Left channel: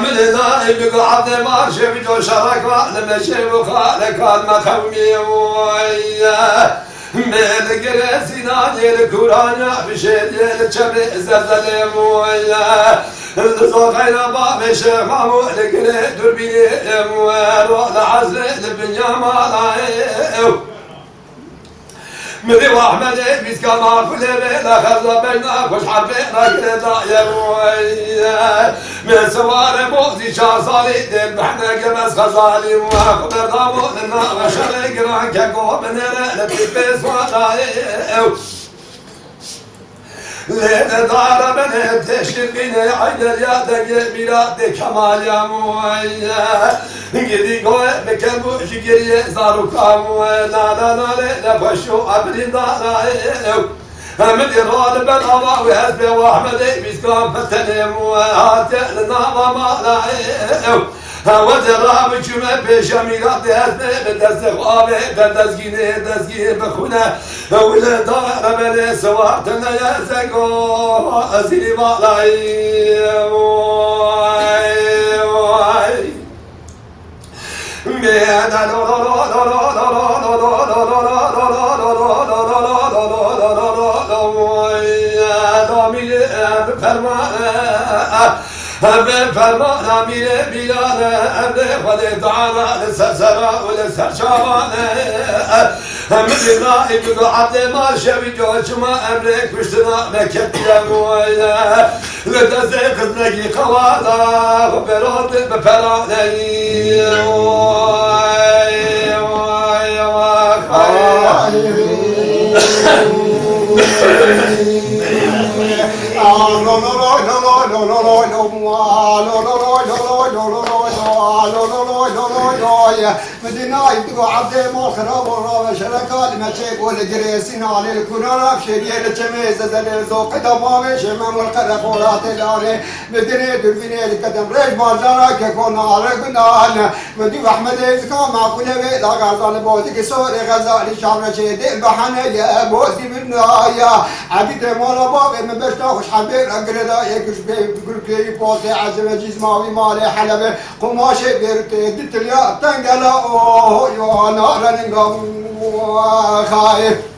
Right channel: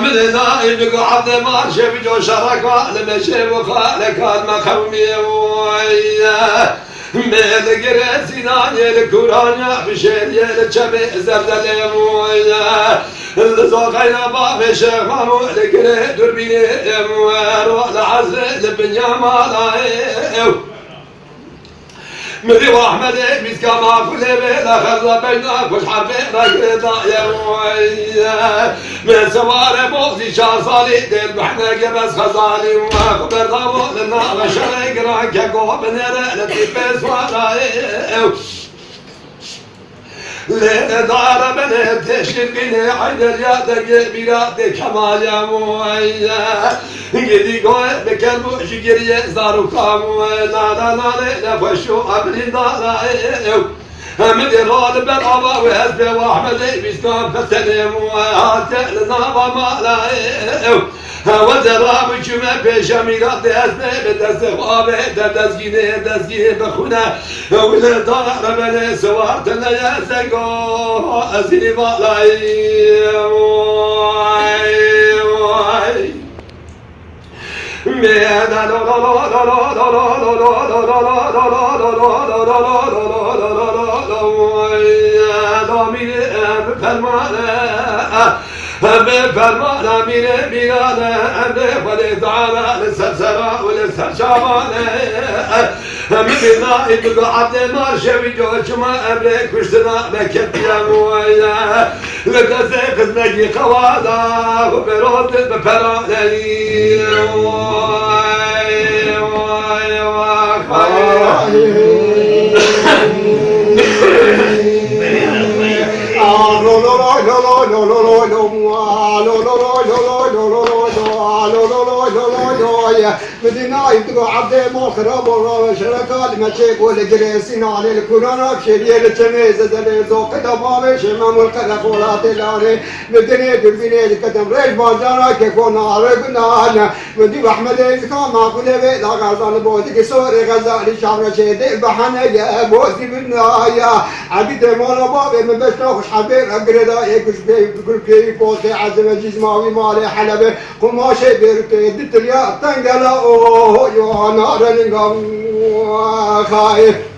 من نائب قعد ما شفجو شركا لما شبخا لكان مخومي وياه من قرسنا الكورانيا بشير الشبه زلزل وياه الزوقينا باب شيخامو لقري دربيني وروح عزل البنيا مالاي مدي واحمد بيسكا ما كل بينا خزنا بينا كش حربي راقدا يا ويا من سوار بوزي شار صالي ديل محنا قمس خزالي وما خبر دامو لنا غشري قران كاكو بنيرا لتيبس وراي لين دار من تشكيني عين الياد بيرات كمال يا مويا قدي قوي بكلمو شجري زارو كامو لا نفشو ابني دانا من إراد بن أبا وحسبي وأحمد بيسكون فتني وهاتي لنا ما لا وزراب شما بشميرات دزنه بدزخوابه دزگینه بخونه ولا دار من سوارتنا يزقو أزيني مالاي فرمان امیر بیگانه امر خود تعالی لسرسرا و لسرشامانه مدینا ایدو عبد ما شوی جوشما امر کشتنا مکتیم ویا لدست خزنگی قوالا و برات بپرانه مدينة يبدو عبد مخرب وشركات ما تقول جريسين على الكورونا بشريه التميز زل زوق دبابه شمام القرق ولا تلاني مدينة دربيني الكتم ريش بازارك يكون عرقنا مدي احمد كان معقول لا غزال بوزي سوري غزال شامل شيء بحنا يا بوزي بالنهايه عبيد مولا بابي من بس خوش حبيب اقردا يكش بي بوزي عزم جسماوي مالي حلبه قماشه بركي دتليا تنقلا اوه يا نار نقام خايف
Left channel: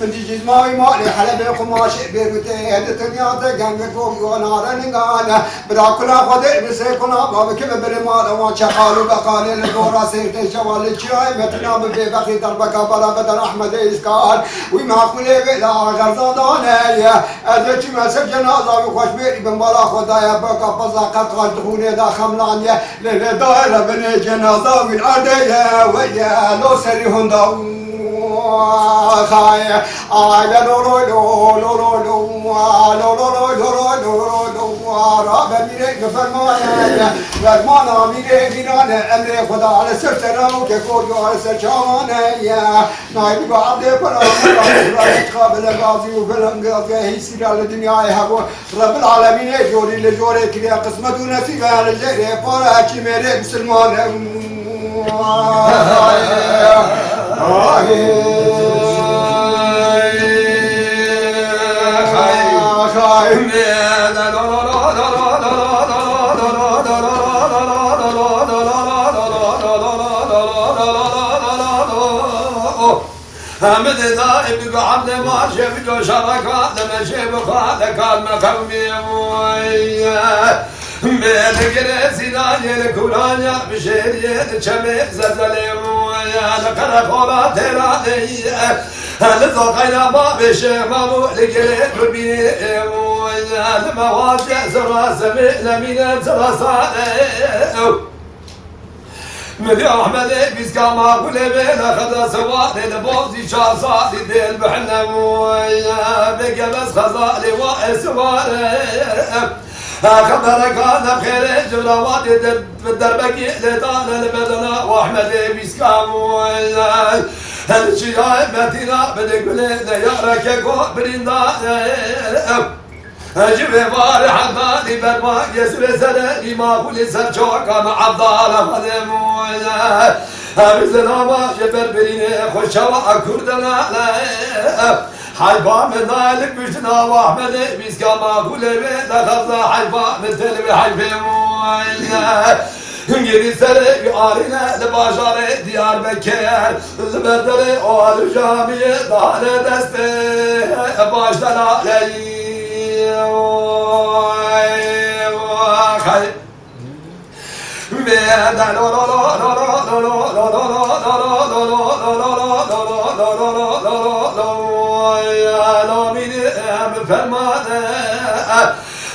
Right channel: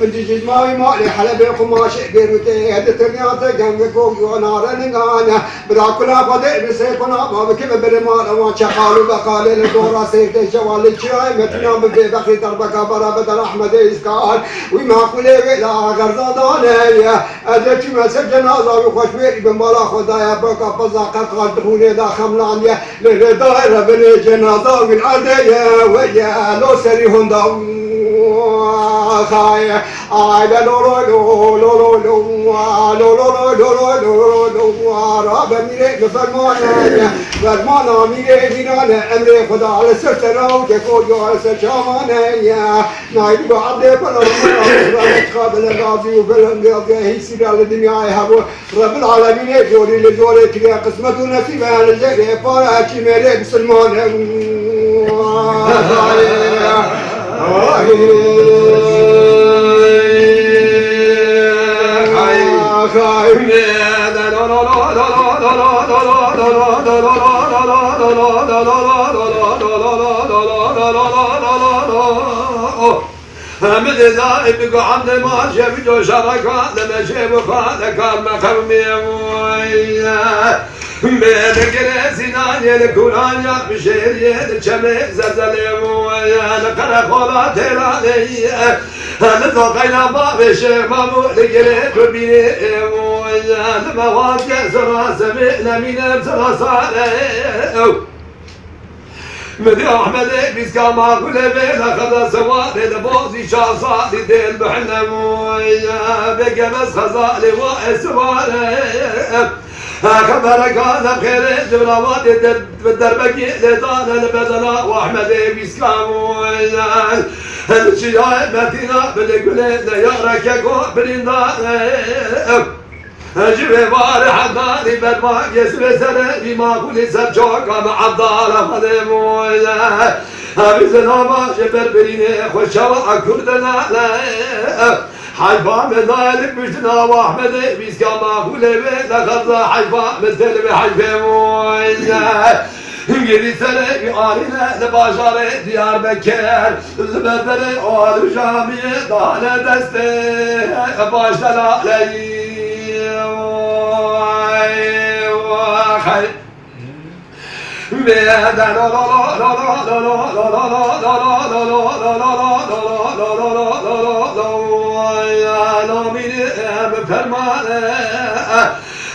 من جيجي ماوي مالي حلبي قماش بيروتي هدتني تجمع فوق ونار نقانا براكنا قدر بسيكنا بابك برمال وان شقالو بقال الدورة سيرت شوال الشاي متنا ببخري دربك برا بدر احمد اسكال وما كله لا غرزادانيا ادرك ما سجنازا وخش بيري بمبالا خدايا بقى بزاقه قالتوني دا خملانيا للدائره بن جنازه والعديه ويا لو سريهم دا خايا لا لو لو لو لو لو لو لو لو راب ميري فرمانا فرمانا ميري دينا امري خدا على سرتنا وكفو جو على سرشامانا يا نايب عبد فلا قابل الغازي وفلنغ هي سير على الدنيا هو رب العالمين جوري لجوري كريا قسمه ونصيب على الجري فارا ميري بسلمان حمد دائب قعد ما شفجو شركا لما شبخا لكان مخومي وياه من قرسنا الكورانيا بشير الشمه زلزل ويا لقرا خورا تراني لزوقينا باب شيخامو لقري دربيني ويا المواد سرا سمعنا من سرا صالح مدي احمد بيسكا ما كل بينا خذا سواري البوزي شار صالي ديل بحنا ويا بقمس خزالي واسواري خبر كان بخير جرامات بالدربك لطال البدنا واحمد بيسكام ويا الشياء متينا بدقول يارك يقول بريندا جيب بار حضاري برما يسوي سنة بما كل سجوك مع الضالة خدم ويا مثل ما جبر بيني خوشوا كردنا حيفا من ذلك مجتنا واحمد بيسكا ما قولي بينا غزة حيفا من تلبي حيفا مويا گیری سر آلینه لباجار دیار بکر لبدر آل جامی دانه دسته باش دلالی خی میدن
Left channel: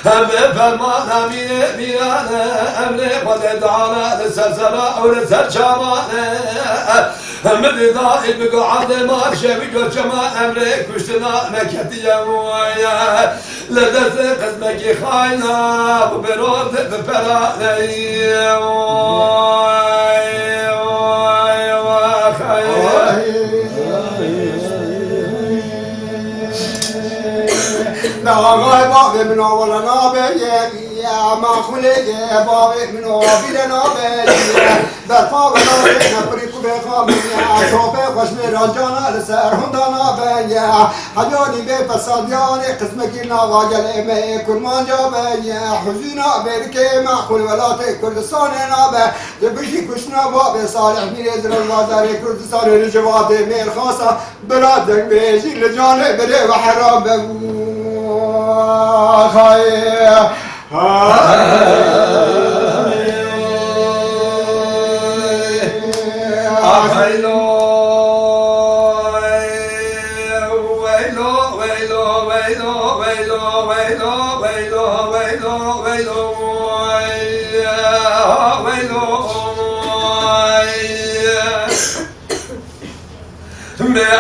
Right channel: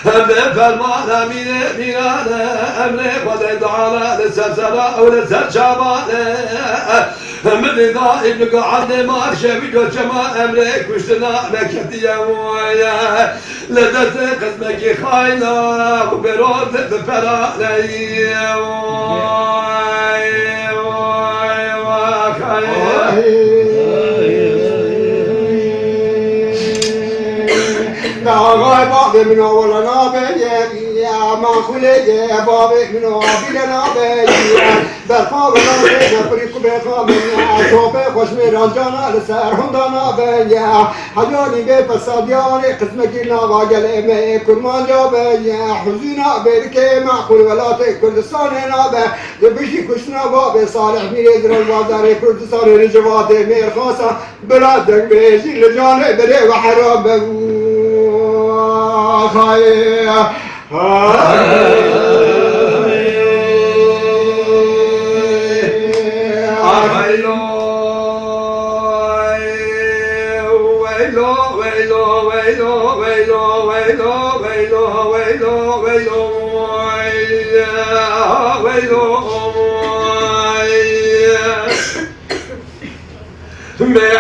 بفرمان أمين أمري قد على لسلسلة أو لسلشابانة من إذا إبقى عند ما شبك وجماع أمري كشتنا نكتي مويا لدرس قسمك خاينا وبرود بفراني ناغاي بابي من أول نابي يا ما خلي بابي من أبي نابي برفاق نابي نبريك بخامي صوبي خوش ميرانجانا لسر هندانا بي حجاني بي فسادياني قسمك ناغا جلمي كرمان جابي حزينا بيركي معقول ولاتي كردستان نابي يبشي كشنا بابي صالح ميريزر الوزاري كردستان رجواتي مير خاصة بلادك بيجي لجاني بري وحرام خير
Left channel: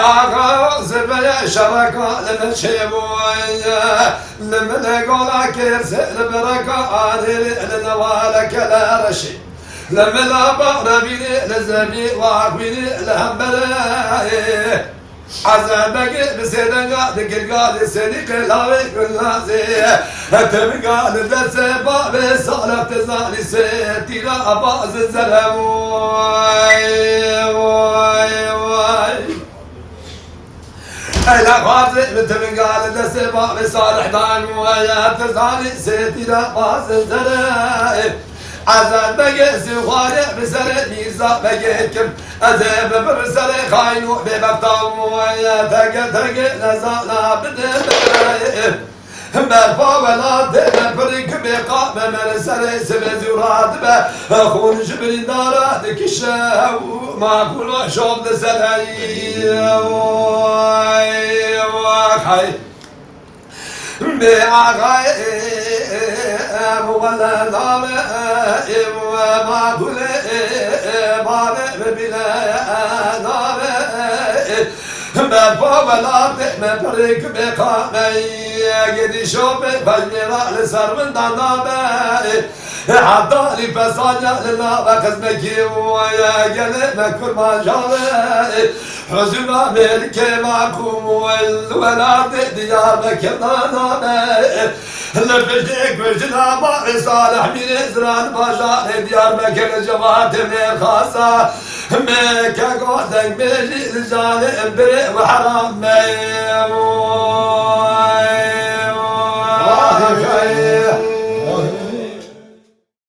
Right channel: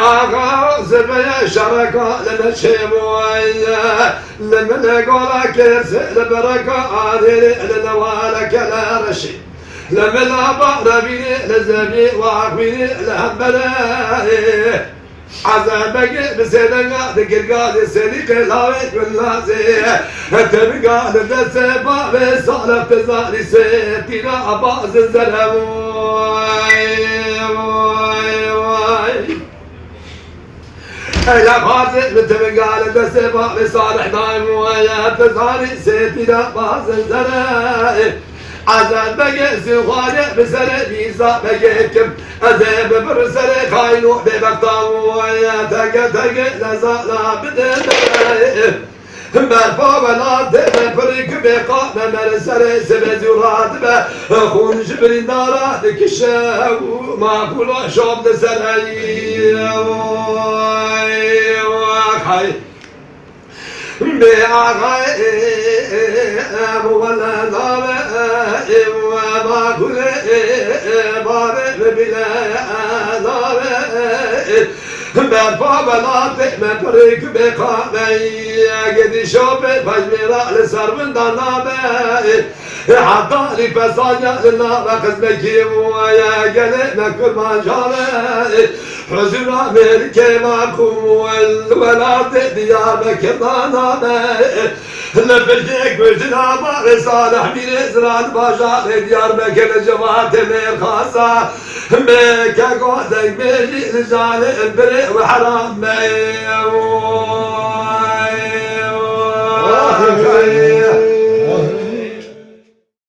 آقا زبه شرکا لنشی بویا لمن قولا كرس لبركا عادل لنوالك لا رشي لمن أبار بيني لزبي واقبيني لهمبلا عذابك بسيدنا دقرقا لسيدك لايك والنازي تبقى لدسبا بصالة تزالي سيدنا أباز الزلم أنا خاطئ بتبقى لدسبا بصالح دايم ويا تزالي سيدنا أباز الزلم عذاب بقيسي وخالق بسرق بيزا بقيكم أذيب برسل خاينو ببقطاو ويا تق لزانا بدل برفا ولا دل بريك بقا ممرسل سبزورات بخون جبرين دارات كشاو ما كل شوب لسرعي وخاي بأغاي ولا نام وما كل باب بلا نام برفا ولا تحمى بريك بقامي قد شوف فجمرا لسر من ضنابي حتى لي فصاجا لله قسمك ويا قلبنا كل ما جابي حزن أمريكا معكم والولاد ديارك ضنابي لفرجك وجنا بار صالح من إزران باشا ديار مكان جماعة من خاصة مكا قوتك بيجي رجال بريء وحرام